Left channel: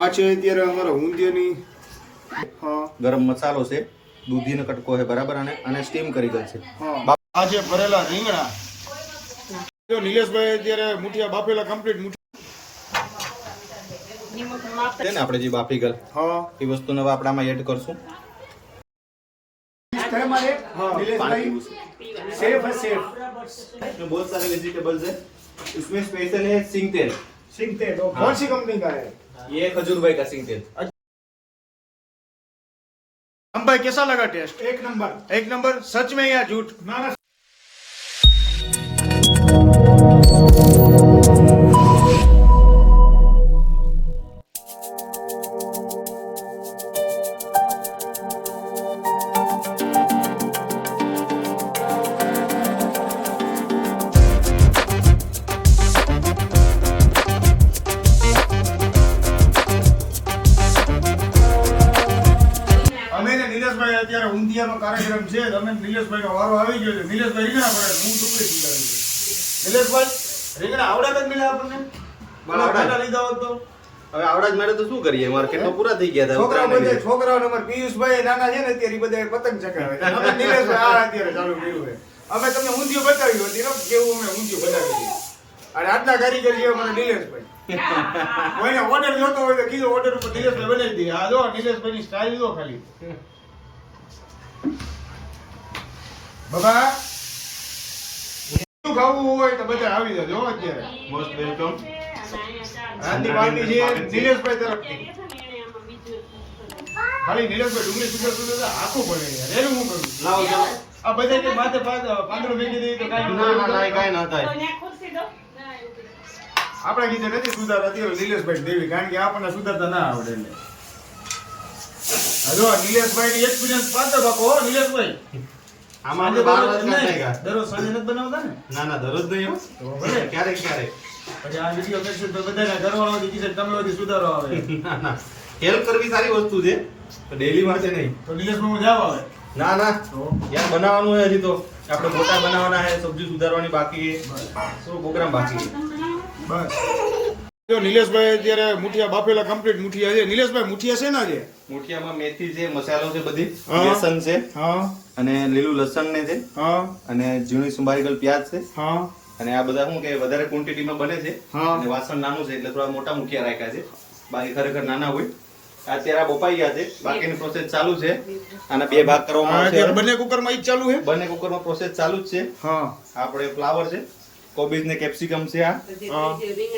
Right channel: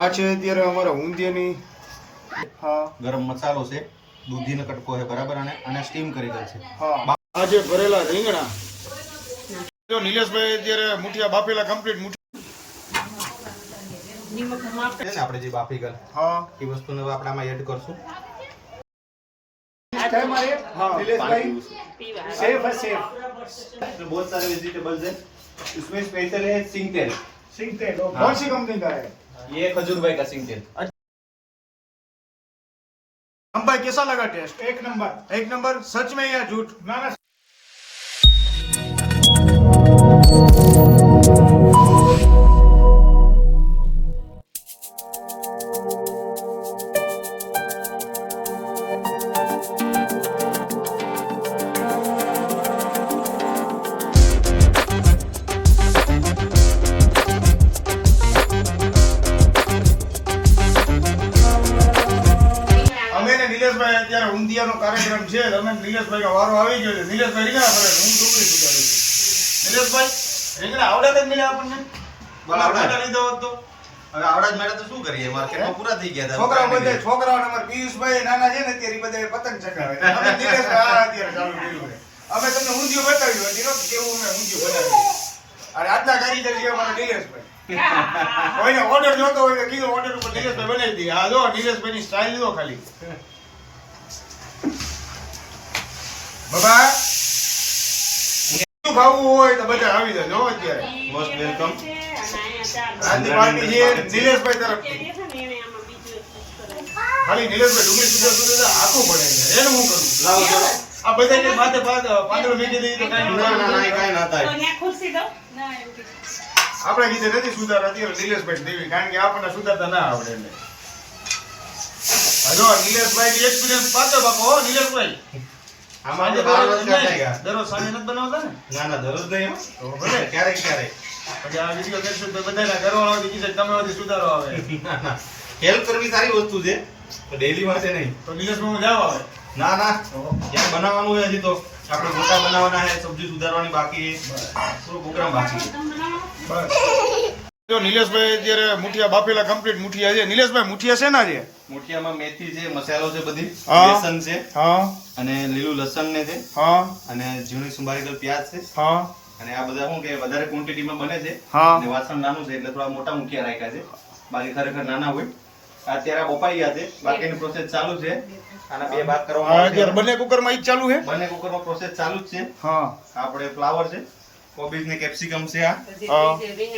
આ છે અત્યારે અમારા ઊંધિયાની હા ગરમ મસાલો છે દૂધીનો કટકો છે બરાબર અને અને સ્ટીમ કરી દે છે હા આ છે ભરેલા રીંગણા જો નિલેશભાઈ અત્યારે મુઠિયા બાફેલા કમ્પ્લીટ મુઠિયા છે ને આપણે જે બાફી ગયેલ હા એ વસ્તુને હવે આપણે આમાં એડ કરશું हाँ सेफ है सेफ इसमें बहुत सारे वेजिटेबल्स है इसमें स्पेशल है सिंग तेल सिंह तेल वो कौन सी कंपनी का है ये खजूर भाई का सिंग तेल हम भाई कैसा लगा टेस्ट एक नंबर एक नंबर सच में या झूठ ना ना માર્કેટમાં ગયા છોકરાઓ બધા છોકરાઓ અમારે પિયુષભાઈ નાના છે ને અત્યારે બધા પતંગ ચકાવે અમે નિલેશભાઈ આ અત્યારે ચાલુ કર્યું છે. અમે તમને ઊંધિયું બતાવ્યું હતી ને જેવું અમે ઊંધિયું બનાવ્યું અને આટલા કારીગર છે અમારા નિલેશભાઈ. કોઈને ઓર્ડર જોતો હોય તો કીધું ઓર્ડર ઉપર નિલેશભાઈ બનાવી દઈએ આ જો નિલેશભાઈ ની સ્ટાઇલ જો ખાલી. બાબા ખાવું હોય તો બધા આવી જાય જો અત્યારે. મોસ્ટ વેલકમ આજની પાર્ટી છે નિલેશભાઈ તરફથી. ખાલી નિલેશભાઈ ડુંગળી સુધર સુધર આખું પડે યાર એનું હું કરું? લાવો આ બધા કે માથે પાદ- પાંદડું મેકી દઈ તો કાઈ ના ના ના. કાંઈ ના થાય. આપણે કીધે નથી સુધારાતી નિલેશભાઈ દેવી કારણ કે આપણને સુધારતા ના આવડે એટલે હજો નિલેશભાઈ એક્સપિરિયન્સ પાકે બાપો હો નિલેશભાઈ. આમાં સાંજે બાર વર્ષ કાઢ્યા દરરોજ સાંજે નથી બનાવતા ને? ના ના દરરોજ નહીં હો. ભલે. ક્યારેક ક્યારેક. પછી આ વીડિયો કરશું તો બધાના ઘરવાળાઓથી કીધે તમે સુધારો આવે. ના ના. હેલ્પ કરવી સારી વસ્તુ છે ડેલી માટે નહીં. તો નિલેશભાઈ હું જાવ આવે ના ના. યાર બનાવવાનું હોય હજી તો. આપણે ગોટા બનાવવાના છે સબ્જી સુધારવાની બાકી થોડું શું પ્રોગ્રામ બાકી છે? બસ. જો નિલેશભાઈ અત્યારે મુઠિયા બાફેલા કમ્પ્લીટ મુઠિયા છે. નિલેશભાઈ મુઠિયા છે ને છે મુઠિયામાં મેથી છે મસાલો છે બધી. હા. લસણ છે. હા. અને લીલું લસણ ને છે. હા. અને ઝીણી સુંબારી ગયેલ પ્યાજ છે. હા. અને આ બધા શું કે વધારે ક્વોન્ટિટીમાં બને છે. હા. વાસણ નાનું છે એટલે થોડા મોટા મુઠિયા રાખ્યા છે. બાકી ખરેખર નાના હોય. અત્યારે બપાઈ ગયા છે. બાકીની પ્રોસેસ ચાલુ છે. અને બે ભાગ કરવામાં આવશે. બંને કુકરમાં ઈ ચાલુ છે? બંને કુકરમાં પ્રોસેસ ચાલુ જ છે. હા. આપણે ફ્લાવર છે કોબીજ ને કેપ્સિકમ છે આ.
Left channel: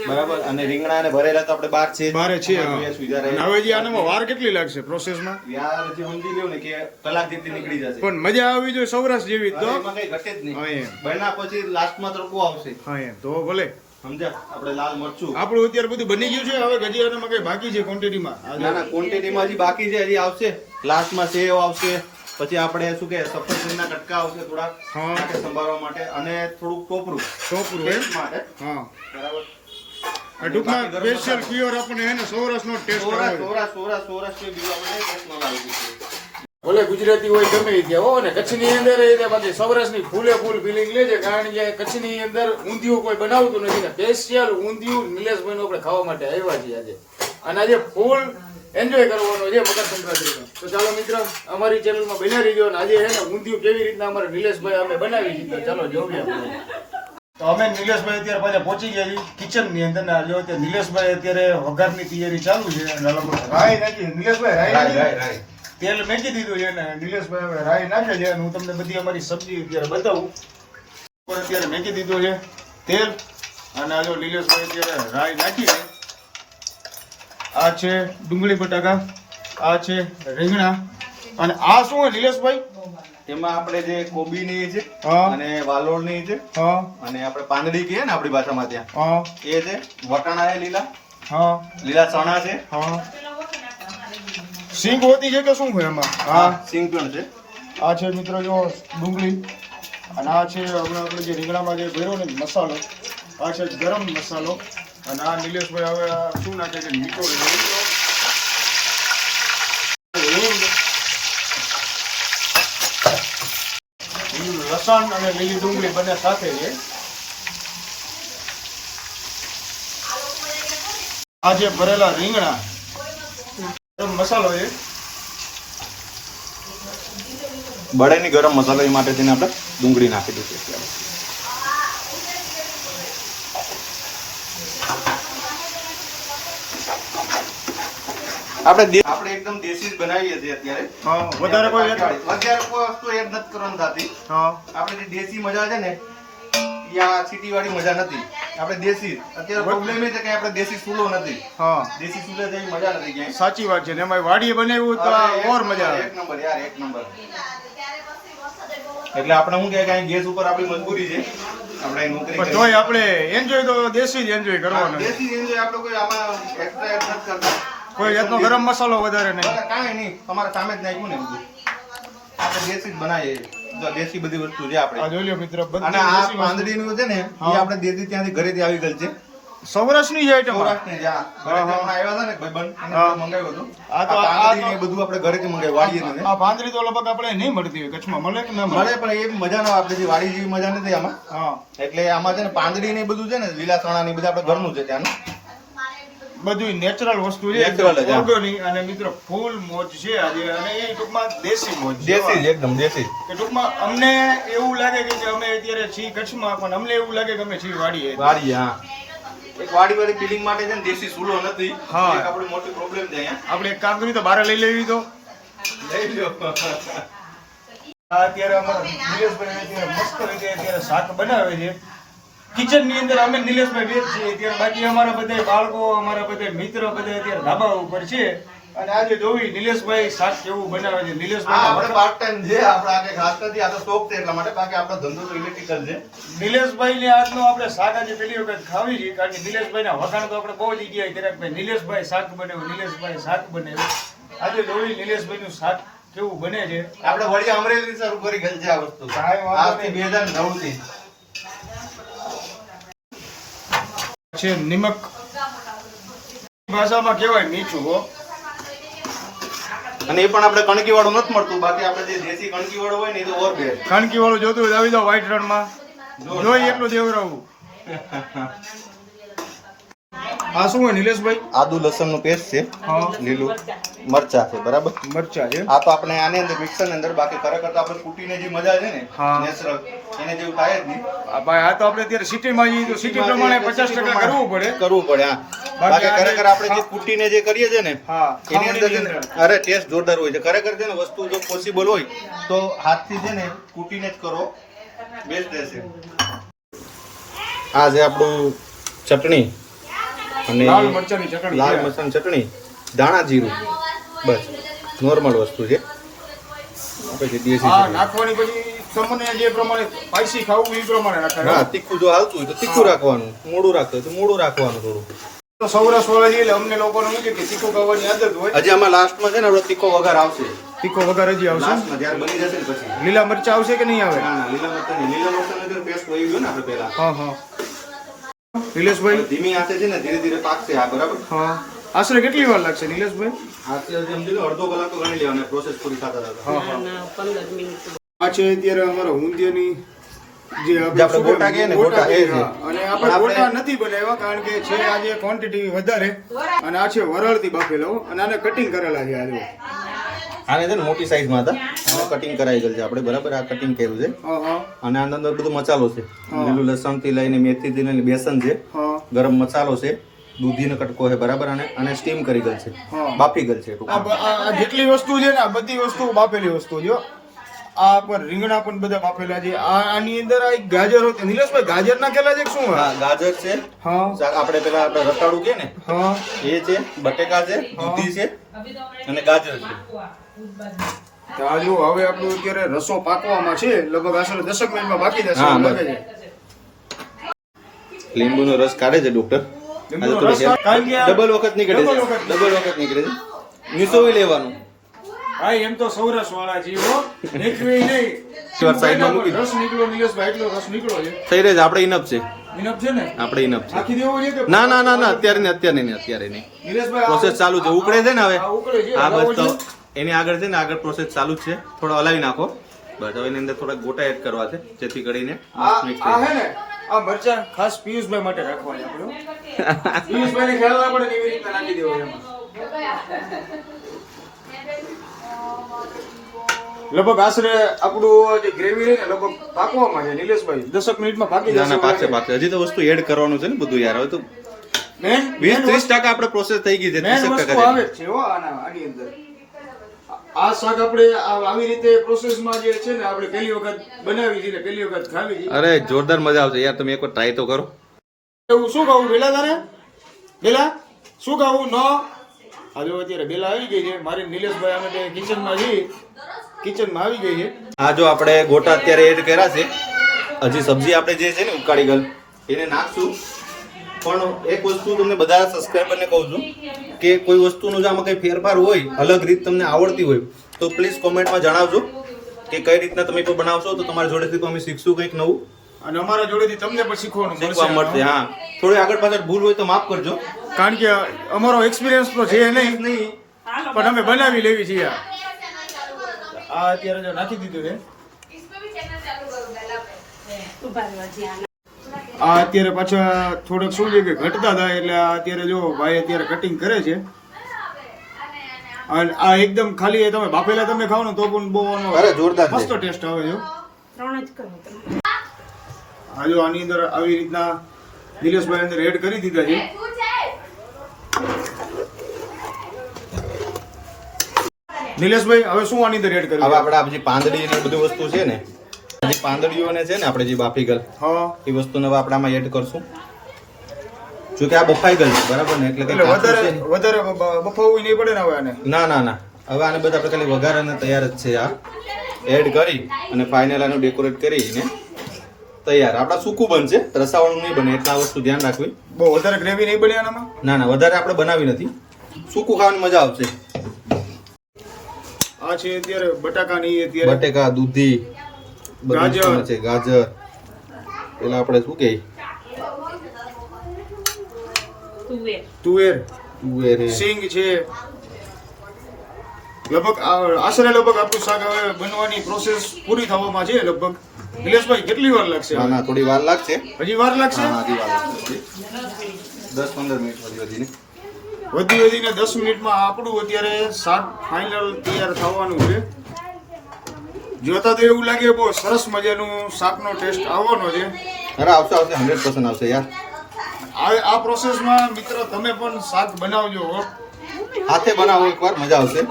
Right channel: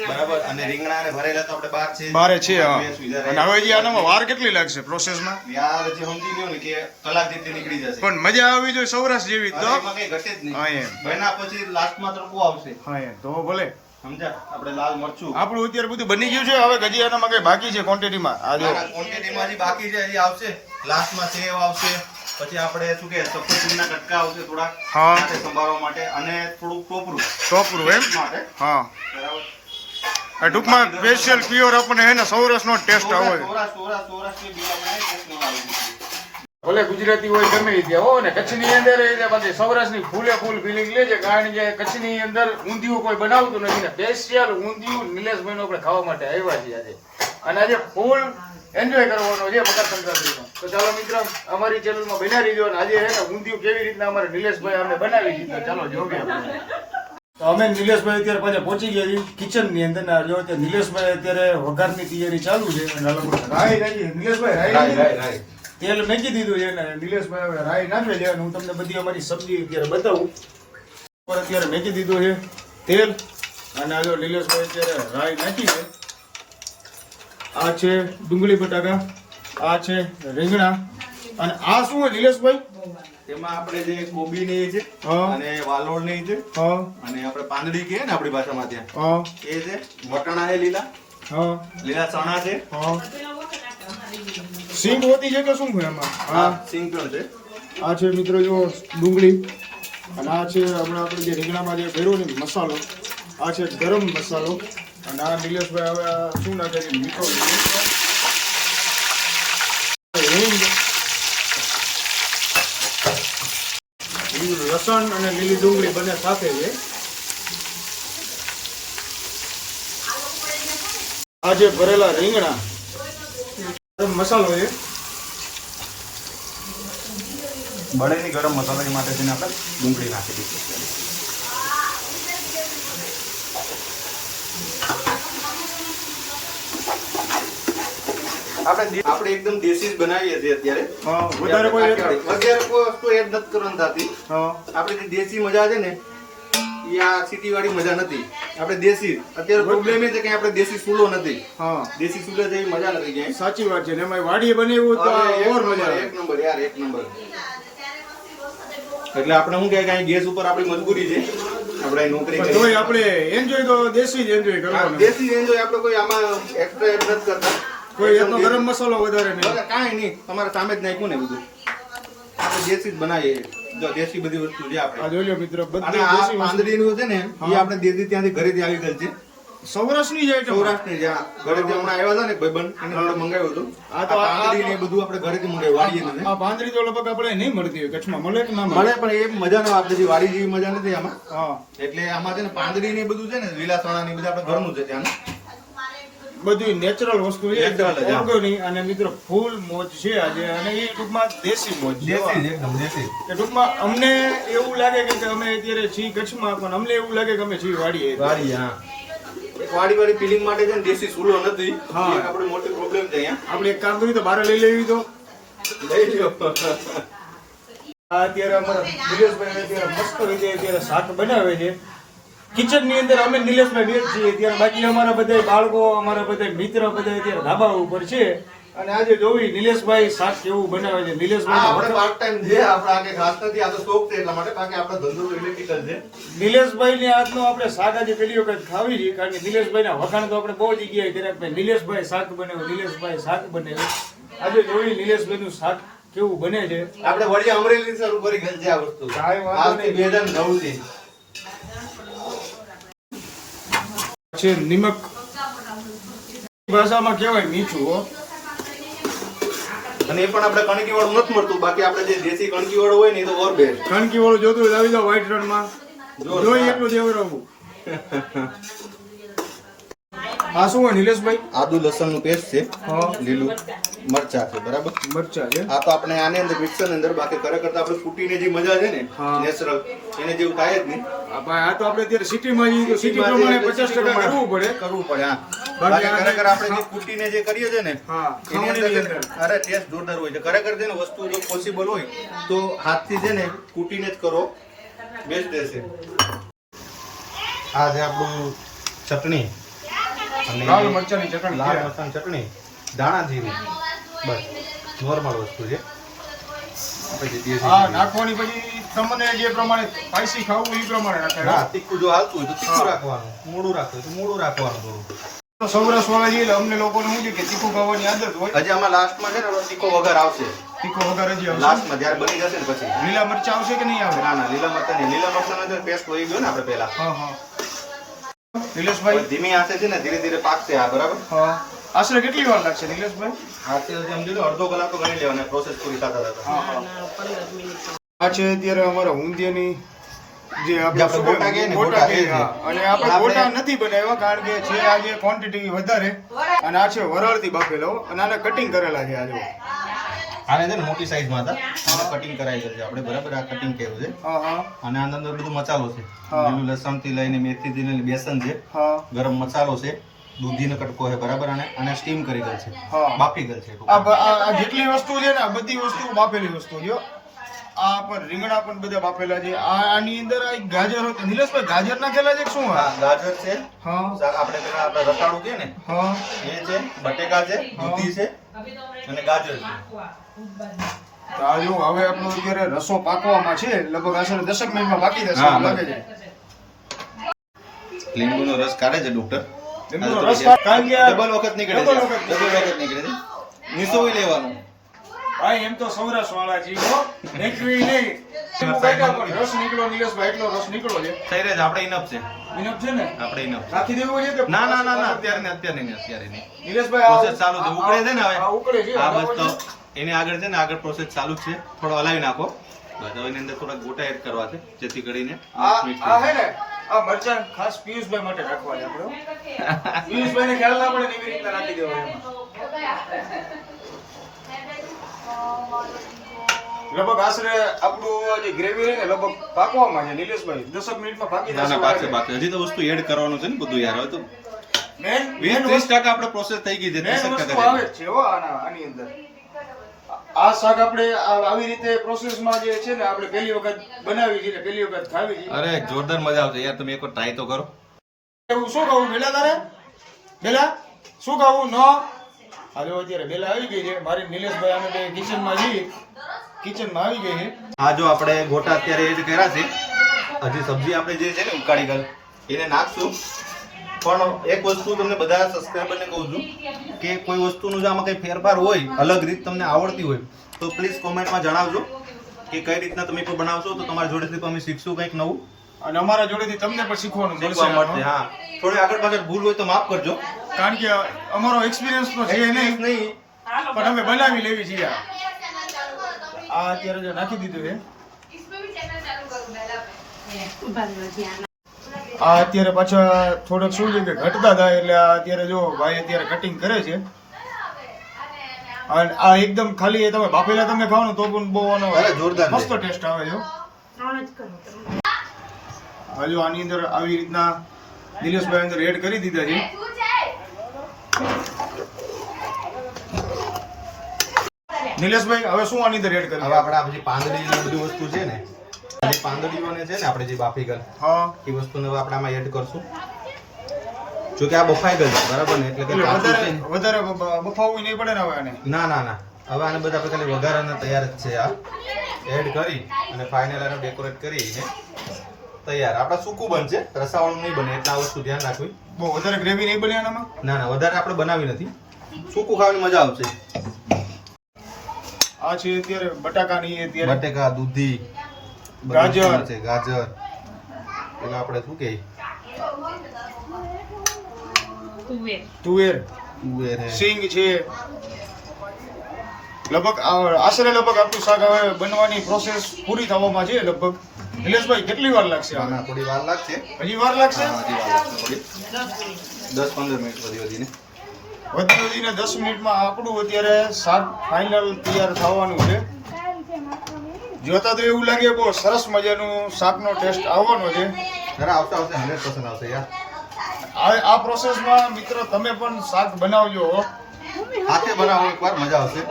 બરાબર? અને રીંગણા અને ભરેલા તો આપણે બાર છે બારે છે અને હવે જે આનામાં વાર કેટલી લાગશે પ્રોસેસમાં યાર જે સમજી ગયો ને કે કલાક જેટલી નીકળી જશે. પણ મજા આવી જોઈએ સૌરાષ્ટ્ર જેવી તો. એમાં કઈ ઘટે જ હા, એમ. બન્યા પછી લાસ્ટમાં તડકો આવશે. હા એમ. તો ભલે. સમજ્યા આપણે લાલ મરચું આપણું અત્યારે બધું બની ગયું છે હવે ગજી આનામાં કઈ બાકી છે ક્વોન્ટિટીમાં આ જો ક્વોન્ટિટીમાં હજી બાકી છે હજી આવશે લાસ્ટમાં સેવ આવશે પછી આપણે શું કે સફરજનના કટકા આવશે થોડાક હા. સંભાળવા માટે અને થોડુંક ટોપરું ટોપરું એમ માટે હા બરાબર ટૂંકમાં સ્પેશિયલ પ્યોર આપણને હે ને સૌરાષ્ટ્રનો ટેસ્ટ આવે સૌરાષ્ટ્ર સૌરાષ્ટ્ર સૌરાષ્ટ્ર બીજું આપણે ટેસ્ટ નવા આવી ગયું છે. ભલે ગુજરાતી હોય ગમે એ હો ને કચ્છની અંદર એ રીતે બાકી સૌરાષ્ટ્રની ફૂલે ફૂલ ફિલિંગ લે છે કારણ કે કચ્છની અંદર ઊંધિયું કોઈ બનાવતું નથી ને. સ્પેશિયલ ઊંધિયું નિલેશભાઈ આપણે ખાવા માટે આવ્યા છીએ આજે. અને આજે ફૂલ એન્જોય કરવાનો છે મકર સંક્રાંતિનો. તો ચાલો મિત્ર અમારી ચેનલમાં બન્યા રહીજો અને આજે હે ને ઊંધિયું કેવી રીતના અમારે નિલેશભાઈ અમે બનાવી દીધો ચાલો જોઈએ આપણે. તો અમે નિલેશભાઈ અત્યારે પાછા પહોંચી ગયા છીએ કિચનની અંદર ને જો અત્યારે નિલેશભાઈ અત્યારે વઘારની તૈયારી ચાલુ છે અને રાઈ નાખી નિલેશભાઈ રાઈ, રાઈ, રાઈ. તેલ મેકી દીધું છે ને નિલેશભાઈ હવે રાઈ નાખે છે હું તમને બધી અમારી સબ્જી અત્યારે બતાવું. પર અત્યારે મેકી દીધું છે તેલ અને આ જો નિલેશભાઈ અત્યારે રાઈ નાખી છે. આ છે ડુંગળી બટાકા આ છે રીંગણા અને આ શું છે નિલેશભાઈ? એમાં આપણે જે કોબી ને છે અને વાલોળ ને છે હા. અને આપણે પાંદડી કહીએ ને આપણી ભાષામાં ત્યાં. એ છે વટાણા છે લીલા. હા. લીલા ચણા છે. હા. સિંગ હોતી છે કે શું હોય એમાં હા? સિંગ પણ છે. આ છે મિત્રો જો ડુંગળી અને આ છે હમણાં આપણે જે રીંગણામાં જે ભેરો ને મસાલો આ છે ગરમ મસાલો અને આ નિલેશભાઈ હવે આ શું નાખે છે? મીઠો. હિંગ લસણ અને લીલી ડુંગળી બંને સાથે છે. આ જે ભરેલા રીંગણા મસાલો એ. બળેની ગરમ મસાલા એ માટે તેને આપણે ડુંગળી નાખી દઈશું આપણે આપણે એકદમ દેશી જ બનાવીએ છીએ અત્યારે. વધારે કોઈ વધારે કોઈ વસ્તુ એડ નથી કરવાની થતી. આપણે દેશી મજા છે ને સિટી વાળી મજા નથી. આપણે દેશી. અત્યારે પ્રોબ્લેમ એ છે કે આપણે દેશી સુલો નથી. હા. દેશી ચૂલે જેવી મજા નથી ક્યાંય. સાચી વાત છે. ને એમાં વાડીએ બનાવ્યું તો ઓર મજા આવે. એક નંબર યાર એક નંબર. એટલે આપણે શું કહે કે અહીં ગેસ ઉપર આપણી મજબૂરી છે. આપણે નોકરી. તોય આપણે એન્જોય તો દેશી જ એન્જોય કરવાનો. દેશી એન્જોય આપણે કોઈ આમાં એક્સ્ટ્રા એડ નથી કરતા. કોઈ જાતનો ગરમ મસાલો વધારે નહીં. કાંઈ નહીં. તમારે સામે જ નાખ્યું ને બધું. આપણે દેશી જ બનાવીએ. દેશી બધી વસ્તુ છે આ આપણે જોઈ લો મિત્રો બધી દેશી વસ્તુ. છે ને એ આપણે દેદી ત્યાંથી ઘરેથી આવી ગયેલ છે. સૌરાષ્ટ્રની છે આઈટમ સૌરાષ્ટ્રની જે આ ઘરેથી હમણાં આવ્યા હતા ને ભાઈબંધ એને મંગાવ્યું હતું. આ તો આ- બધું આપણે ઘરેથી મંગાવ્યું વાડીએ. આ પાંદડી તો લગભગ આપણે નહીં મળતી હોય કચ્છમાં મળે કે ના મળે? પણ એ મજા ન આપણે વાડી જેવી મજા નથી આમાં. હા. એટલે આમાં છે ને પાંદડી ને બધું છે ને લીલા ચણા ને બધા બધું આપણે ઘરનું છે ત્યાંનું. બધું નેચરલ વસ્તુ છે ઓર્ગેનિક અને મિત્રો ફૂલ મોજ છે આજે. અને એ ટૂંકમાં દેશી મોજ દેશી એકદમ દેશી કે ટૂંકમાં અમને એવું લાગે કે કે અમે અત્યારે છીએ કચ્છમાં પણ અમને એવું લાગે કે અમે છીએ વાડીએ વાડી હા. એક વાડી વાળી ફિલિંગ માટે છે ને દેશી ચૂલો નથી. હા. મોટી પ્રોબ્લેમ છે આપણે એક કામ કરીએ તો બહાર લઈ લેવી તો. લઈ લ્યો. આ અત્યારે અમારા અત્યારે મસ્ત રીતે અત્યારે શાક બનાવે છે. કિચનની અંદર અમે નિલેશભાઈ બેન છીએ. ત્યારે બાકી અમારા બધા બાળકો અમારા બધા મિત્ર બધા અત્યારે ધાબા ઉપર છે. અને આજે જોવી નિલેશભાઈ શાક કેવું બનાવે છે. નિલેશભાઈ આપણે પાર્ટ ટાઈમ છે. આપણે આગે ખાસ નથી. આ તો શોખ છે એટલા માટે. બાકી આપણો ધંધો તો ઇલેક્ટ્રિકલ છે. નિલેશભાઈ ને આજનો આપણે શાક આજે પેલી વખત ખાવી છે. કારણ કે નિલેશભાઈ ના વખાણ તો આપણે બહુ જગ્યાએ કર્યા કે ભાઈ નિલેશભાઈ શાક બનાવ્યું નિલેશભાઈ શાક બનાવ્યું આજે જોવી નિલેશભાઈ નું શાક કેવું બને છે. આપણે વળી અમરેલી શરૂ કરી ગયેલ છે આ વસ્તુ. બે હજાર નવથી છે નિમક ભાષામાં કહેવાય મીઠું હો. અને એ પણ આપણે કણકી વાળું નથી મળતું. બાકી આપણે જે દેશી કણકી વાળું હોય ને તો ઓર બેસ્ટ કણકી વાળું જોતું હોય તો આવી જાવ વ્હાઈટ રણમાં. જોરદાર. જોઈ એટલું દેવરાવું. આ શું હોય નિલેશભાઈ? આદુ લસણનું પેસ્ટ છે હા. લીલું મરચા છે બરાબર? મરચા છે. આ તો આપણે આની અંદર મિક્સરની અંદર બાકી ખરેખર તો આપણે કૂટીને જે મજા છે ને નેચરલ એને જેવું થાય જ નહીં. ભાઈ આ તો આપણે અત્યારે સિટીમાં જઈએ તો સિટી પ્રમાણે પચાસ ટકા કરવું પડે. કરવું પડે હા. બાકી ખરેખર આપણે જે કૂટીને જે કરીએ છે ને હા એની અંદર અરે ટેસ્ટ જોરદાર હોય છે. ખરેખર છે ને વસ્તુ જો પોસિબલ હોય તો હાથથી છે ને કૂટીને જ કરો. બેસ્ટ રહેશે. આ છે આપણું ચટણી. અને લાલ મરચાની ચટણી લાલ મરચાની ચટણી દાણા જીરું. બસ નોર્મલ વસ્તુ છે. પછી હા નાખવાની પછી તમને જે પ્રમાણે સ્પાઈસી ખાવું એ પ્રમાણે હા તીખું જો હાલતું તો તીખું રાખવાનું મોડું રાખતું તો મોડું રાખવાનું થોડું. સૌરાષ્ટ્ર વાળા એટલે અમને લોકોને શું છે કે તીખું ખાવાની આદત હોય. હજી આમાં લાસ્ટમાં છે ને આપણો તીખો વઘાર આવશે. તીખો વઘાર હજી આવશે? લાસ્ટમાં જ્યારે બની જશે ને પછી. લીલા મરચા આવશે કે નહીં આવે? ના ના લીલા મરચા નહીં. લીલા મરચાંનો જે પેસ્ટ હોય ગયો ને આપણે પહેલા? હા હા. નિલેશભાઈ? ધીમી આંચે છે ને ધીરે ધીરે પાકશે આ બરાબર? હા. આશરે કેટલી વાર લાગશે નિલેશભાઈ? હાથે સમજી લો અડધો કલાક તો ગણી લેવાનો પ્રોસેસ પૂરી થતા હા હા. આ છે અત્યારે અમારા ઊંધિયાની જે આપણે ગોટા કે ગોટા. હા. અને આપણે આપણે- ગોટા નથી બનાવ્યા કારણ કે છે આજે ક્વોન્ટિટી વધારે. અને આ છે વરળથી બાફેલો અને આને કટિંગ કરેલા છે આજે. આને છે ને મોટી સાઈઝમાં હતા. કટિંગ કરાઈ ગયેલ છે આપણે. બરાબર આ કટિંગ કર્યું છે. અને આના અંદર બધો મસાલો છે. લીલું લસણથી લઈને મેથી થી લઈને બેસન છે. ગરમ મસાલો છે. દૂધીનો કટકો છે. બરાબર અને અને સ્ટીમ કરી ગયેલ છે. બાફી ગયેલ છે. જેટલી વસ્તુ છે ને બધી વસ્તુ બાફેલી વસ્તુ છે આ પર રીંગણા પણ બધા બાફેલા છે. આ આની અંદર આ એક ગાજર હતું. નિલેશભાઈ ગાજર નાખેલા છે શું ગાજર છે. હા. આપણે પેલા આપણે રતાળું કે ને. હા. એ છે બટેકા છે દૂધી છે અને ગાજર છે. જો હવે આપણું અત્યારે રસો પાકવામાં છે લગભગ આશરે દસક મિનિટમાં બાકી જશે. લાગે છે. લીંબુનો રસ કાઢે છે ડોક્ટર ડબલ વખત નીકળે છે. ડબલ વખત. નીકળે છે. નિસોવી લેવાનું. ભાઈ એમ તો સૌરાષ્ટ્ર વાળા જીવો નીકળી નહીં. રસ નીકળ્યો નિલેશભાઈ એટલો રસ નીકળ્યો છે. થઈ રહે છે આપણે ઇનફ છે. ઇનફ છે ને? આપણે ઇનફ છે. નાખી દેવો છે કે ના ના ના ના અત્યારે ને અત્યારે ને અત્યારે નહીં. નિલેશભાઈ પ્રોસેસ ચાલુ છે ઉકળે છે ને હવે? ઉકળે છે આ બસ એની આગળ છે ને આગળ પ્રોસેસ ચાલુ જ છે. થોડો હલાવી નાખો. બસ હવે એની અંદર થોડા ગોટા એડ કરવા છે જેથી કરીને આ mix આ થઈ હે ને આ મરચાં ખાસ પિયુષભાઈ માટે રાખવાની આપણે હો. પિયુષભાઈને ખ્યાલ ના પડે એવી રીતના નાખી દેવા એમાં. લગભગ આશરે આપણું જે ગ્રેવી રહે ને લગભગ પાકવામાં છે નિલેશભાઈ દસક મિનિટમાં પાકી ના ના પાકશે પાકશે હજી તો વસ્તુ એડ કરવાનું છે ને બધું યાર હવે તો વીસ ત્રીસ ટકા આપણે પ્રોસેસ થઈ ગઈ છે ત્રીસ ટકા આવે છે આની અંદર. આ શાક આપણે આ- આવી રીતે પ્રોસેસમાં જે છે ને આપણે પહેલી વખત બનાવી છે ને પહેલી વખત ખાવી છે. અરે જોરદાર મજા આવશે યાર તમે એકવાર ટ્રાય તો કરો. એવું શું ખાવું? બેલા તારે? બેલા શું ખાવું? ન? આ જો અત્યારે બેલા આવી ગઈ છે. મારી નિલેશભાઈ અમે બે કિચનમાં જઈ કિચનમાં આવી ગઈ છે. આ જો આપણે ગોટા અત્યારે એડ કર્યા છે. હજી સબ્જી આપણે જે છે ને ઉકાળી ગલ એને નાખશું. પણ એક વસ્તુ તમને બધા સબસ્ક્રાઈબરને કહું છું કે કોઈ વસ્તુનું જો આમાં કંઈ ફેરફાર હોય અલગ રીત તમને આવડતી હોય તો પ્લીઝ કોમેન્ટમાં જણાવજો કે કઈ રીતના તમે કોઈ બનાવશો તો તમારા જોડેથી તો અમે શીખશું કંઈક નવું. અને અમારા જોડેથી તમને પણ શીખવાનું મળશે મળશે હા. થોડી આગળ પાછળ ભૂલ હોય તો માફ કરજો. કારણ કે અમારો એક્સપિરિયન્સ તો છે નહીં. નહીં. પણ અમે બનાવી લેવી છીએ આ આ અત્યારે જો નાખી દીધું છે. આ અત્યારે પાછા થોડોક શું છે કે ઘટતા થાય એટલે આ અત્યારે જો ભાઈ અત્યારે કટિંગ કરે છે. અને આ એકદમ ખાલી તમે બાફેલા તમે ખાઓ ને તો પણ બહુ આનો જોરદાર મસ્ત ટેસ્ટ આવે છે આ જો આની અંદર આવી રીતના દિલેશભાઈ અંદર એડ કરી દીધા છે. નિલેશભાઈ હવે શું આની અંદર એડ કરી કર્યું આપણે આ બધી પાંદડી ને બધી વસ્તુ છે ને આ પાંદડીઓને છે ને આપણે જે બાફી ગયેલ હા. એ વસ્તુને હવે આપણે આમાં એડ કરશું. જો કે આ બફાઈ ગયેલ છે બરાબર ને? એટલે વધારે વધારે બફાવવું નહીં પડે ને હવે આને? ના ના ના. હવે આને બધા આપણે ખાલી વઘારાના તૈયાર જ છે આ. એડ કરી અને ફાઇનલ આને ડેકોરેટ કરીને તૈયાર. આપણા સૂકું બનશે રસાવાળું નહીં બને એટલે આ વસ્તુ ધ્યાન રાખવી. બહુ વધારે ગ્રેવી નહીં બને આનામાં? ના ના વધારે આપણે બનાવી નથી. સૂકું ખાવાની મજા આવશે. આ છે અત્યારે બટાકાની એ અત્યારે બટેકા દૂધી. ગાજર. છે ગાજર. પેલા આપણે શું કહે તુવેર. તુવેર. સિંગ છે. લગભગ આ- આશરે લગભગ આપણું શાક હવે બનવાની પ્રોસેસ પૂરી થવામાં છે લગભગ. નિલેશભાઈ કેટલી વાર લાગશે ના, થોડી વાર લાગશે. હજી વાર લાગશે? હજી વાર લાગશે થોડી. દસ પંદર મિનિટ વધી વધીને. વધી વધીને દસ મિનિટમાં આપણું અત્યારે શાક ફાઇનલ તૈયાર થવાનું છે. જોતા તો એવું લાગે બહુ સરસ મજાનું શાકનો ટેસ્ટ આવવાનો છે. અરે આવશે આવશે હંડ્રેડ પર્સન્ટ આવશે યાર. આ આ પ્રોસેસમાં મિત્રો તમે પણ શાક બનાવજો હાથે બનાવો એકવાર મજા આવશે.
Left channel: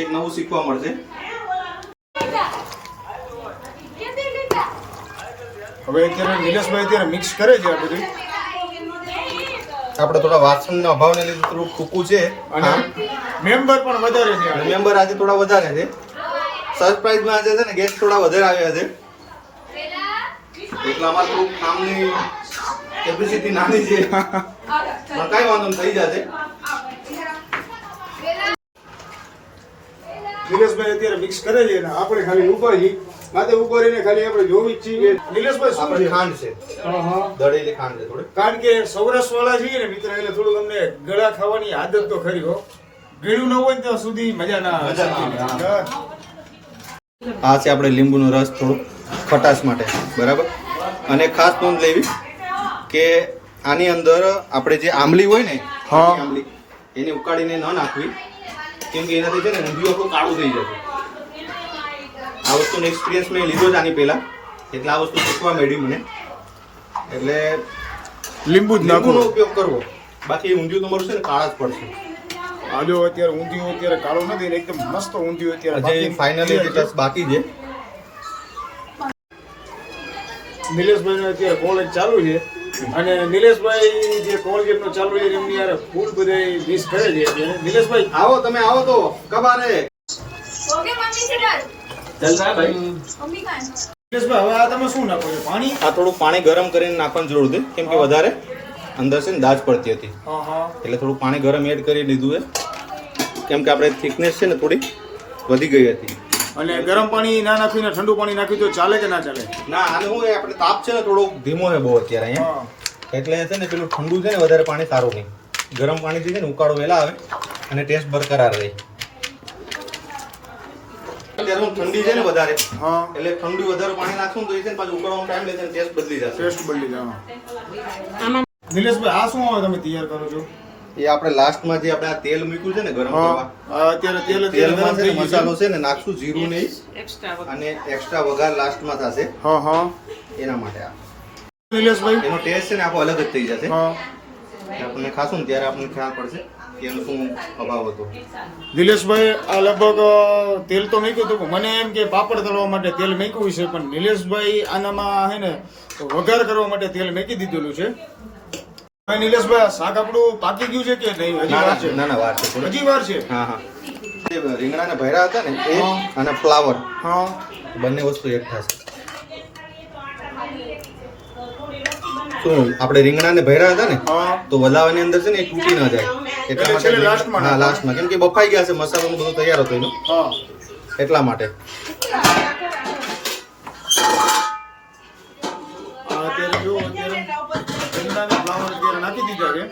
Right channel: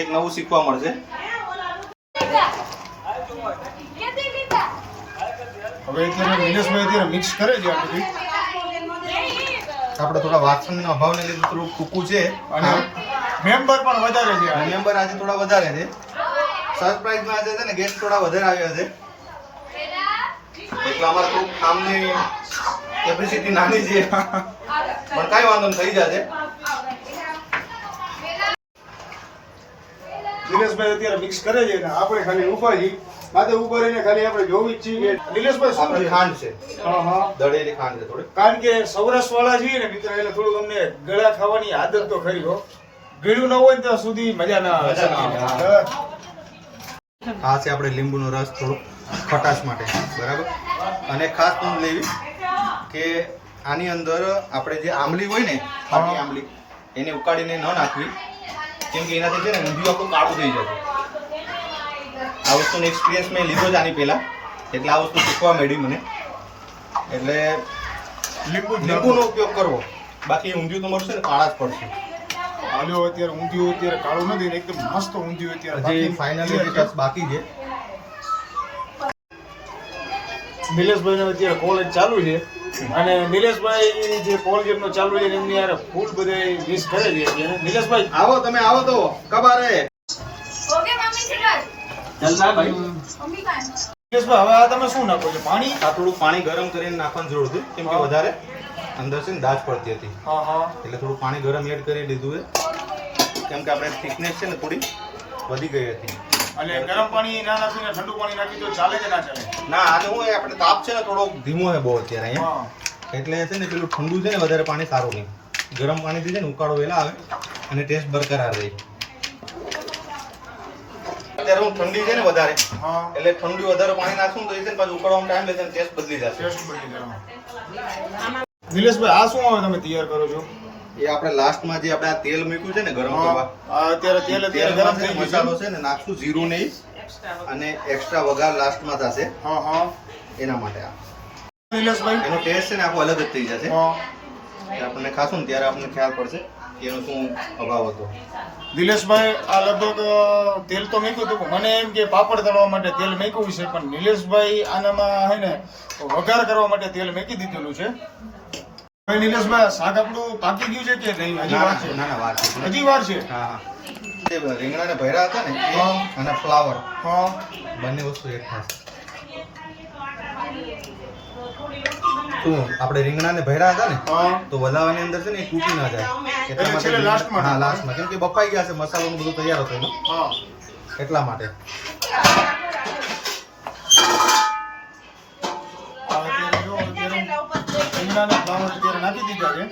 એક નવું શીખવા મળશે. હવે અત્યારે નિલેશભાઈ અત્યારે મિક્સ કરે છે આ બધું. આપણે થોડા વાસણના અભાવને લીધે થોડું ટૂંકું છે. અને મેમ્બર પણ વધારે છે મેમ્બર આજે થોડા વધારે છે. સરપ્રાઈઝમાં આજે છે ને ગેસ્ટ થોડા વધારે આવ્યા છે. એટલે અમારે થોડું કામની કેપેસિટી નાની છે. પણ કાંઈ વાંધો નહીં થઈ જશે. દિનેશભાઈ અત્યારે મિક્સ કરે છે ને આપણે ખાલી ઉપર માથે ઊભો રહીને ખાલી આપણે જોવી જ છીએ નિલેશભાઈ શું છે? ખાંડ છે. હા હા. દળેલી ખાંડ છે થોડી. કારણ કે સૌરાષ્ટ્ર વાળા છીએ ને મિત્ર એટલે થોડું અમને ગળા ખાવાની આદત તો ખરી હો. ગળ્યું ન હોય ત્યાં સુધી મજા ના આવે. હા. આ છે આપણે લીંબુનો રસ થોડો ખટાશ માટે. બરાબર? અને ખાસ નોંધ લેવી કે આની અંદર આપણે જે આંબલી હોય ને આંબલી એને ઉકાળીને ન નાખવી. કેમ કે એનાથી છે ને ઊંધિયું આપણું કાળું થઈ જશે. આ વસ્તુનો એક્સપિરિયન્સ મેં લીધો જ આની પહેલા. એટલે આ વસ્તુ શીખવા મળી મને. એટલે લીંબુ લીંબુનો ઉપયોગ કરવો. બાકી ઊંધિયું તમારું છે ને કાળા જ પડશે. આજો અત્યારે ઊંધિયું અત્યારે કાળું નથી ને એકદમ મસ્ત ઊંધિયું અત્યારે બાકી ફાઇનલી બાકી છે. નિલેશભાઈનો અત્યારે કોલેજ ચાલુ છે. અને નિલેશભાઈ જે કોલેજનો ચાલુ છે એમની યાર ફૂલ બધે મિસ કરે છે નિલેશભાઈ? આવો તમે આવો તો. કબારે. ઓકે મમ્મી હવે આ તમે શું નાખો છો? પાણી? આ થોડું પાણી ગરમ કરીને નાખવાની જરૂર હતી કેમ કે વધારે અંદર છે ને દાજ પડતી હતી. એટલે થોડું પાણી ગરમ એડ કરી દીધું છે. કેમ કે આપણે થિકનેસ છે ને થોડી વધી ગઈ હતી. અને ગરમ પાણી ના નાખીને ઠંડુ પાણી નાખ્યું તો ચાલે કે ના ચાલે? ના આને હું આપણે તાપ છે ને થોડો ધીમો છે બહુ અત્યારે અહીંયા. એટલે છે ને પેલું ઠંડુ છે ને વધારે પાણી સારું નહીં. ગરમ પાણીથી છે ને ઉકાળો વહેલા આવે અને ટેસ્ટ બરકરાર રહે. અત્યારે હું ઠંડી છે ને વધારે હા. એટલે ઠંડી વધારે પાણી નાખશું તો એ છે ને પાછું ઉકળવામાં ટાઈમ લેશે ટેસ્ટ બદલી જશે. ટેસ્ટ બદલી જશે નિલેશભાઈ આ શું આવે તમે તૈયાર કરો છો? એ આપણે લાસ્ટમાં જે આપણે આ તેલ મૂક્યું છે ને ગરમ કરવા અત્યારે તેલ અત્યારે ગરમ થઈ ને ગયું મસાલો છે ને નાખશું જીરું નહીં અને એક્સ્ટ્રા વઘાર લાસ્ટમાં થશે. હા હા. એના માટે આ. નિલેશભાઈ? એનો ટેસ્ટ છે ને આખો અલગ જ થઈ જશે. હા. આપણને ખાશું ને ત્યારે આપણને ખ્યાલ પડશે. કે એનો શું અભાવ હતો? નિલેશભાઈ આ લગભગ તેલ તો મૂક્યું હતું મને એમ કે પાપડ તળવા માટે તેલ મૂક્યું છે પણ નિલેશભાઈ આનામાં હે ને વઘાર કરવા માટે તેલ મૂકી દીધેલું છે. હવે નિલેશભાઈ આ શાક આપણું પાકી ગયું છે કે નહીં? હજી વાર છે. ના ના વાર છે. હજી વાર છે? હા હા. રીંગણા રીંગણાને ભર્યા હતા ને એ અને ફ્લાવર. હા. બંને વસ્તુ એક થશે શું આપણે રીંગણાને ભર્યા હતા ને તો વલાવાની અંદર છે ને એ તૂટી ના જાય. એટલા માટે લાસ્ટમાં હા લાસ્ટમાં કેમ કે બફાઈ ગયા છે મસાલો બધું તૈયાર હતો એનો. હા. એટલા માટે. આ અત્યારે જો અત્યારે રીંગણાને ફ્લાવર અત્યારે નાખી દીધા છે.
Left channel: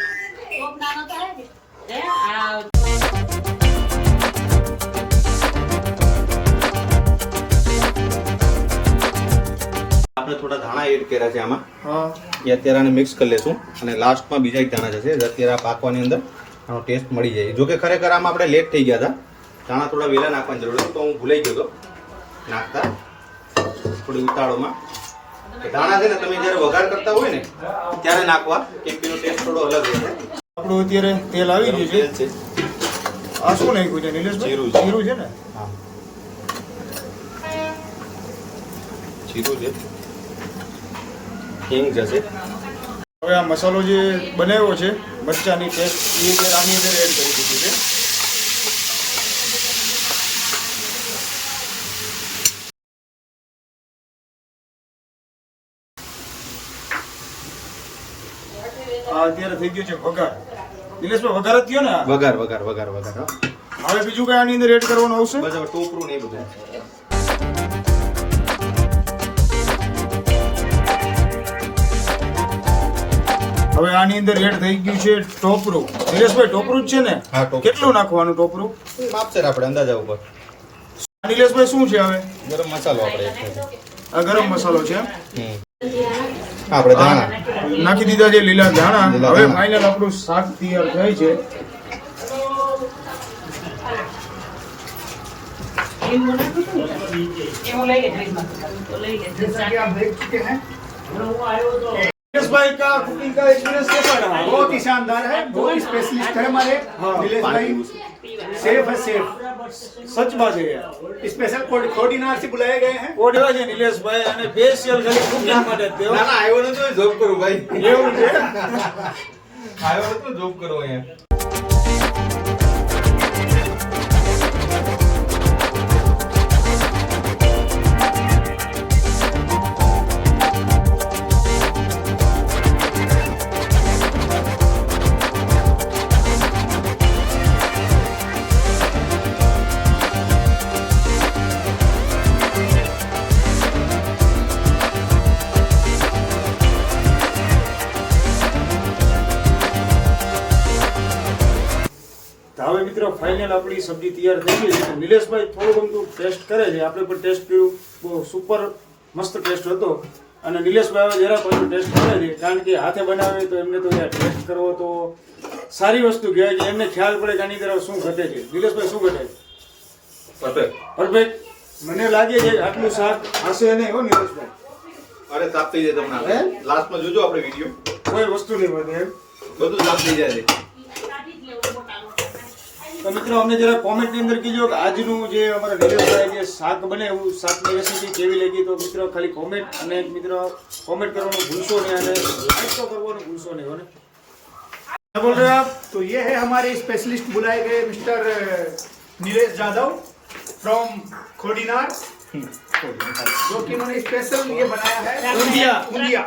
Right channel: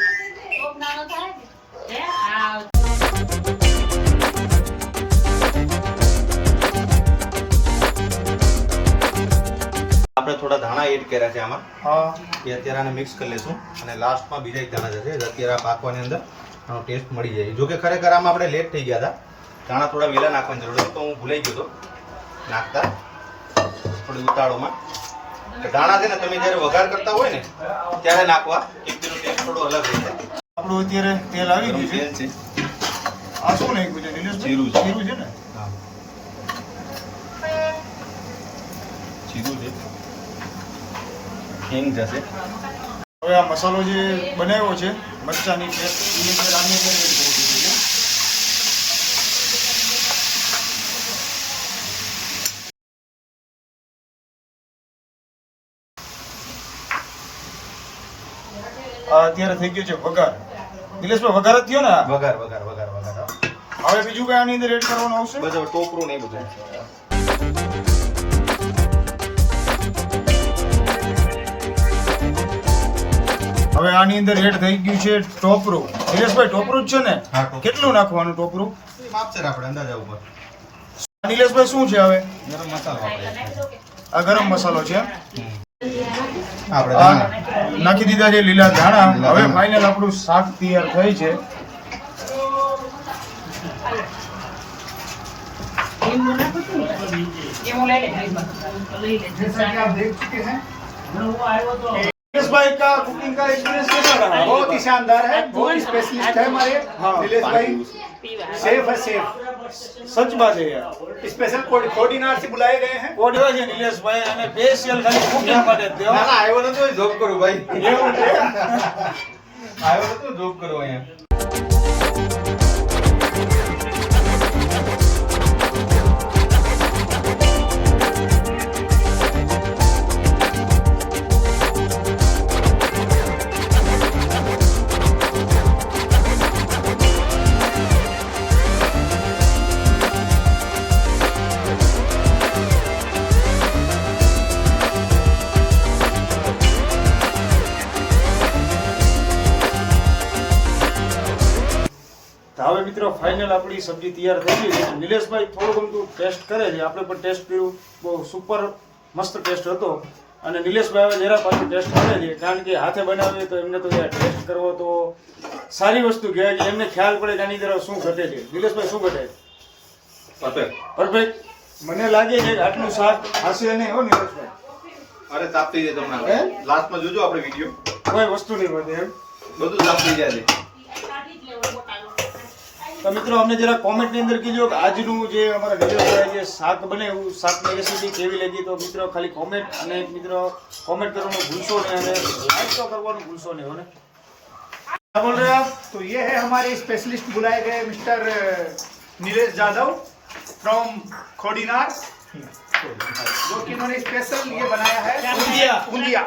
આપણે થોડા ધાણા એડ કર્યા છે આમાં. હા. એ અત્યારે આને મિક્સ કરી લેશું. અને લાસ્ટમાં બીજા એક ધાણા જશે અત્યારે આ પાકવાની અંદર આનો ટેસ્ટ મળી જાય. જોકે ખરેખર આમાં આપણે લેટ થઈ ગયા હતા. ધાણા થોડા વહેલા નાખવાની જરૂર હતી તો હું ભૂલાઈ ગયો હતો નાખતા. થોડી ઉતાળોમાં ધાણા છે ને તમે જ્યારે વઘાર કરતા હોય ને ત્યારે નાખવા. એક તેનો ટેસ્ટ થોડો અલગ રહેશે આપણું અત્યારે તેલ આવી ગયું છે. તેલ છે. આ શું નાખ્યું છે નિલેશભાઈ? જીરું જીરું છે ને? જીરું છે. હિંગ જશે. હવે આ મસાલો જે બનાવ્યો છે મરચાની પેસ્ટ એ આની અંદર એડ કરી દીધી છે. અત્યારે થઈ ગયું છે વઘાર. દિલેશભાઈ વઘાર જ થયો ને? વઘાર વઘાર વઘાર વઘાર હવે બીજું કઈ આની અંદર એડ કરવાનું આવશે? બસ ટોપરું ને બધું. હવે આની અંદર એડ થઈ ગયું છે ટોપરું નિલેશભાઈ ટોપરું જ છે ને? હા, ટોપરું. કેટલું નાખવાનું ટોપરું માપ છે આપણે અંદાજા ઉપર. નિલેશભાઈ શું છે હવે? ગરમ મસાલો આપણે. આ ગરમ મસાલો છે એમ? હમ. આપણે આ દાણા નાખી દીધા છે લીલા ધાણા. હવે ધાણા. ફાઇનલ આપણું શાક તૈયાર થાય છે. जैसा कि आप देख चुके हैं નિલેશભાઈ કા કુકિંગ કા एक्सपीरियंस कैसा रहा बहुत ही शानदार है बहुत स्पेशलिस्ट है हमारे हाँ। नीलेश भाई सेफ है सेफ સચ બાત છે યાર स्पेशल कोऑर्डिनेटर से बुलाए गए हैं કોડ એવા છે નિલેશભાઈ અને સ્પેશિયલ ખાલી કુકિંગ માટે જ તેઓ. ના ના આવ્યો નતો જોબ કરું ભાઈ એવું છે આવ્યો નતો જોબ કરું અહીંયા ફાઇનલ આપણી સબ્જી તૈયાર થઈ ગઈ છે. નિલેશભાઈ થોડું ગમતું ટેસ્ટ કરે છે. આપણે પણ ટેસ્ટ કર્યું. બહુ સુપર મસ્ત ટેસ્ટ હતો. અને નિલેશભાઈ હવે જરા પાછું ટેસ્ટ કરે છે. કારણ કે હાથે બનાવે તો એમને તો યાર ટેસ્ટ કરવો તો સારી વસ્તુ કહેવાય કે એમને ખ્યાલ પડે કે આની તરફ શું ઘટે છે. નિલેશભાઈ શું ઘટે? પરફેક્ટ. પરફેક્ટ. મને લાગે છે આટલું શાક હશે નહીં હો નિલેશભાઈ. અરે તાપ થઈ જાય તમને હે? લાસ્ટમાં જોજો આપણે વીડિયો કોઈ વસ્તુ નહીં વધે એમ. બધું તાપ થઈ જાય છે. તો મિત્રો અમને જરા કોમેન્ટની અંદર કીજો કે આજનું જે અમારા નિલેશભાઈ જે શાક બને એવું શાકની રેસીપી કેવી લાગી તો મિત્રો ખાલી કોમેન્ટ અને મિત્રો કોમેન્ટ કરવાનું ભૂલશો નહીં અને લાઈક તો કરવાનું ભૂલશો નહીં હો ને क्या बोल रहे हैं आप तो ये है हमारे स्पेशलिस्ट बुलाए गए मिस्टर नीलेश यादव फ्रॉम खोडीनार जो कि इन्होंने स्पेशल ये बनाया है ऊंधिया। ऊंधिया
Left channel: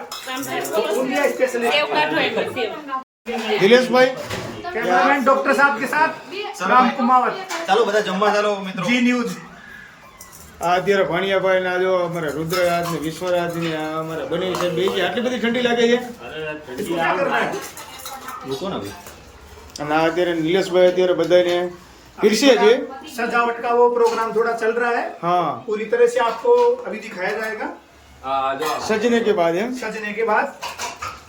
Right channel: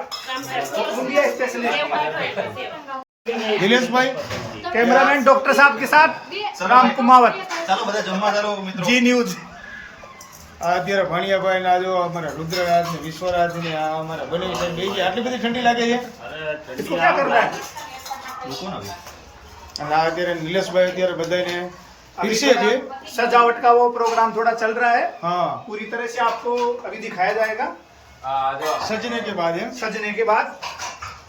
तो ऊंधिया स्पेशलिस्ट નિલેશભાઈ कैमरामैन डॉक्टर साहब के साथ राम कुमावत ચાલો બધા જમવા ચાલો મિત્રો जी न्यूज આ અત્યારે ભાણિયાભાઈ ના જો અમારા રુદ્રરાજ ને વિશ્વરાજ ને આ અમારા બનેવી સાહેબ બે આટલી બધી ઠંડી લાગે છે इसको क्या करना है મૂકો ને અને આ અત્યારે નિલેશભાઈ અત્યારે બધાને अभी फिर से थोड़ा जी सजावट का वो प्रोग्राम थोड़ा चल रहा है हाँ पूरी तरह से आपको अभी दिखाया जाएगा सजने के बाद एम सजने के बाद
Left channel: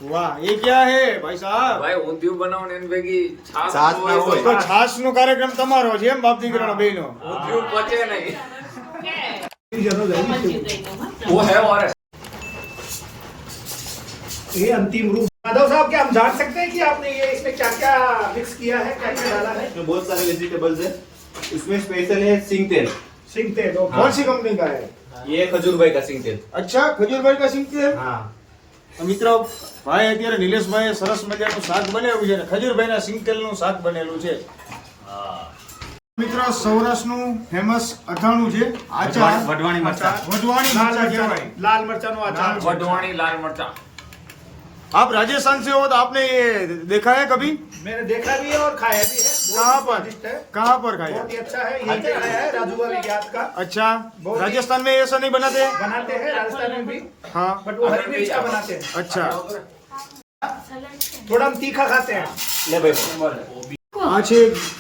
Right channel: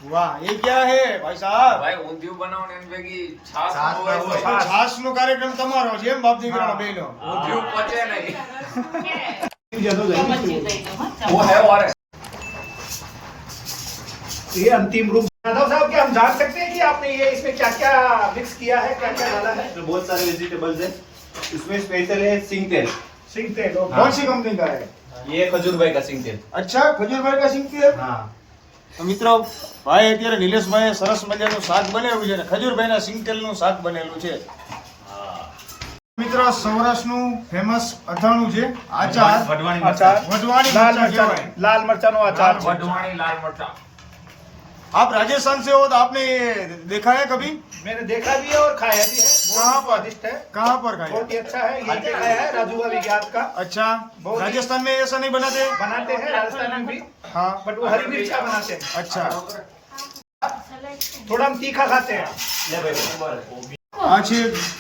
વાહ એ ક્યાં હે ભાઈ સાહેબ ભાઈ ઊંધિયું બનાવો ને એની ભેગી છાશ છાશ હોય ના તો હોય. તો છાસ નો કાર્યક્રમ તમારો છે એમ બાપ દીકરાનો બેનો ઊંધિયું પચે નહીં वो है और ये अंतिम रूप यादव साहब क्या हम जान सकते हैं कि आपने ये इसमें क्या क्या मिक्स किया है क्या क्या डाला है इसमें बहुत सारे वेजिटेबल्स है इसमें स्पेशल है सिंग तेल सिंग तेल और कौन सी कंपनी का है ये खजूर भाई का सिंग तेल અચ્છા ખજૂરભાઈ કા સિંગ તેલ हाँ તો મિત્રો ભાઈ અત્યારે નિલેશભાઈએ સરસ મજાનું શાક બનેલું છે ને ખજૂરભાઈના નું શાક બનેલું છે. મિત્રો સૌરાષ્ટ્રનું ફેમસ અથાણું છે આચાર. વઢવાણી મરચા. વઢવાણી મરચા કહેવાય. લાલ મરચાનો આચાર વઢવાણી લાલ મરચા. आप राजस्थान से हो तो आपने ये देखा है कभी मैंने देखा भी है और खाया भी है कहाँ बहुत पर? ही स्वादिष्ट है कहाँ पर खाया बहुत ही अच्छा है यहीं पे खाया है राजू विज्ञात का अच्छा बहुत ही- राजस्थान में ऐसा नहीं बनाते बनाते हैं राजस्थान में भी हाँ बट वो हरी मिर्च का बनाते हैं अच्छा थोड़ा हम तीखा खाते हैं ले भाई આ છે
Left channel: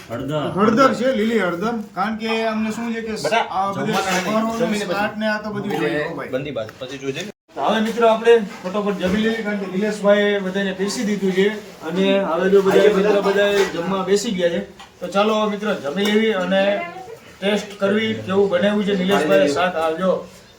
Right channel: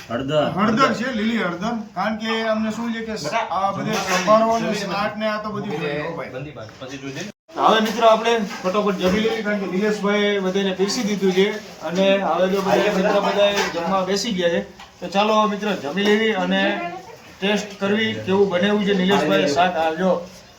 હળદર છે લીલી હળદર કારણ કે અમને શું છે કે આ બધે સંભારો ને સ્લાટ ને આ તો બધું જોઈએ હો ભાઈ બંધી બાત પછી જોજે તો હવે મિત્રો આપણે ફટોફટ જમી લેવી કારણ કે નિલેશભાઈ બધાને બેસી દીધું છે અને હવે જો બધા મિત્રો બધા જમવા બેસી ગયા છે તો ચાલો હવે મિત્રો જમી લેવી અને ટેસ્ટ કરવી કેવું બનાવ્યું છે નિલેશભાઈ શાક હાલજો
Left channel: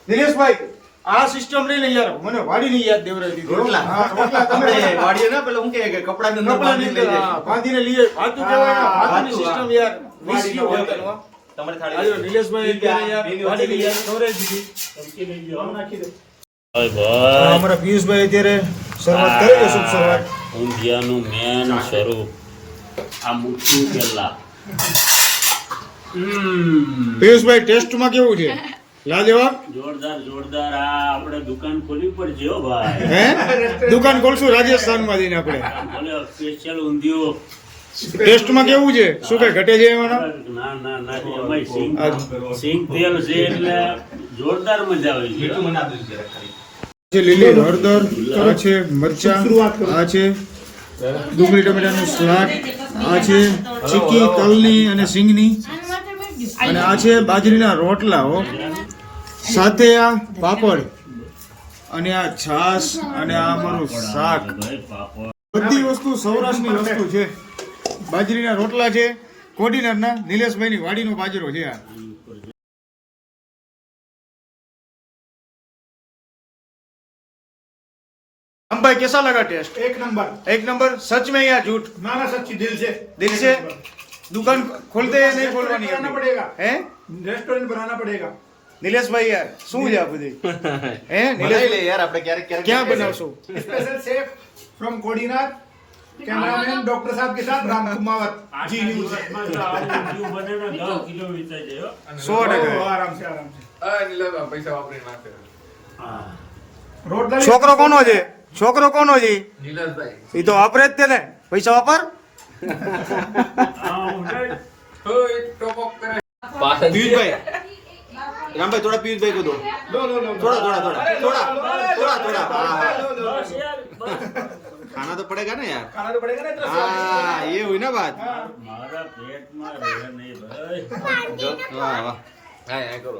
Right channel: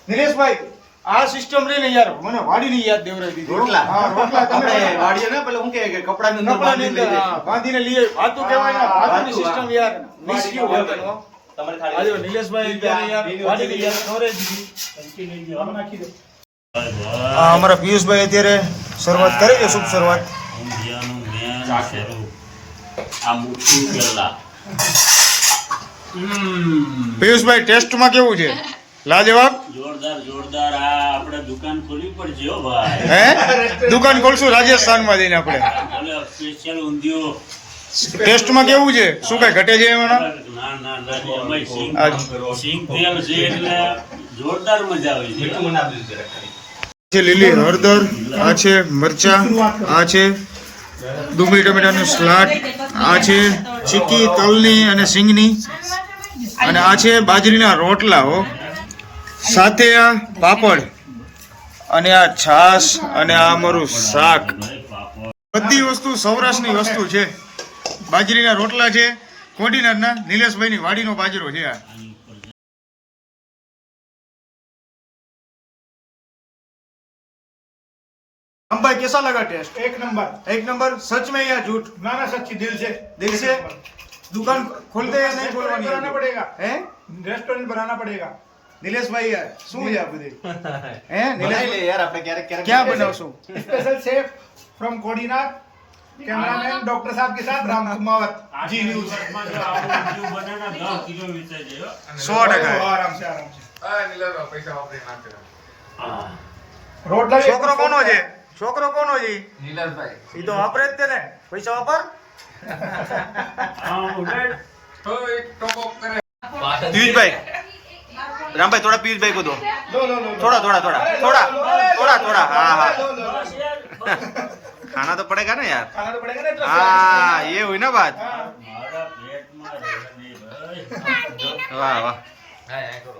નિલેશભાઈ આ સિસ્ટમ રહી ને યાર મને વાડીની યાદ દેવરાવી દીધી. રોટલા. હા રોટલા તમે વાડીએ ને પેલા હું કે કે કપડાની અંદર બાંધીને લઈ જાય. બાંધીને લઈએ વાતું કહેવાય ને વાતું સિસ્ટમ યાર મિસ ગયું વર્તન હો. તમારે આજો થાળી નિલેશભાઈ યાર વાડી ની યાદ ખવડાવી દીધી. હા, અમારા પિયુષભાઈ અત્યારે શરૂઆત કરી છે શુભ શરૂઆત. ઊંધિયાનું મેન સ્વરૂપ આ મુઠ્ઠી પહેલા પિયુષભાઈ ટેસ્ટમાં કેવું છે? લાજવાબ? જોરદાર જોરદાર. આ આપણે દુકાન ખોલવી પડશે હો ભાઈ. હે? દુકાન ખોલશું? રાજસ્થાનમાં જઈને આપણે. બોલે સ્પેશિયલ ઊંધિયું. ટેસ્ટમાં કેવું છે? શું કઈ ઘટે છે એમાં? ના ના ના એમાંય સિંગ સિંગ તેલ છે એટલે જોરદાર મજા આવે છે. છે લીલી હળદર, આ છે મરચા, આ છે ડુંગળી ટમેટાનું સલાડ, આ છે ચીકી, તલની અને સિંગની, અને આ છે બાજરીના રોટલા, હો. સાથે આ પાપડ અને આ છાશ અને આ અમારું શાક. બધી વસ્તુ સૌરાષ્ટ્રની વસ્તુ છે. બાજરીના રોટલા છે, કોડીનારના, નિલેશભાઈની વાડીનો બાજરો છે આ. हम भाई कैसा लगा टेस्ट एक नंबर एक नंबर सच में या झूठ ना ना सच्ची दिल से दिल से दुकान खोलते हैं नहीं खोलवानी बनाना अभी? पड़ेगा हैं रेस्टोरेंट बनाना पड़ेगा નિલેશભાઈ યાર શું છે આ બધું હે બનાવી લે નિલેશભાઈ યાર આપણે ક્યારેક ક્યારેક ક્યાં બનાવશો special chef from Kodinar cameraman doctor साहब के साथ राम कुमावत जी न्यूज ઊંધિયું બને ને દસ કિલો વેચાઈ જાય હો. સો ટકા आराम से आराम से આ નીલાનો પૈસા વાપરી નાખે હા. रोटला છોકરો કોનો છે છોકરો કોનો છે નીલસભાઈ એ તો વાપરે જ તેને. પૈસા વાપર. પિયુષભાઈ રામભાઈ થોડા પિયુષભાઈ કો થોડા થોડા થોડા થોડા થોડા થોડા. હા હા. ખાના તો પડેગા ને યાર? હા એ હોય ને બાત વાહ વાહ. હા કરો.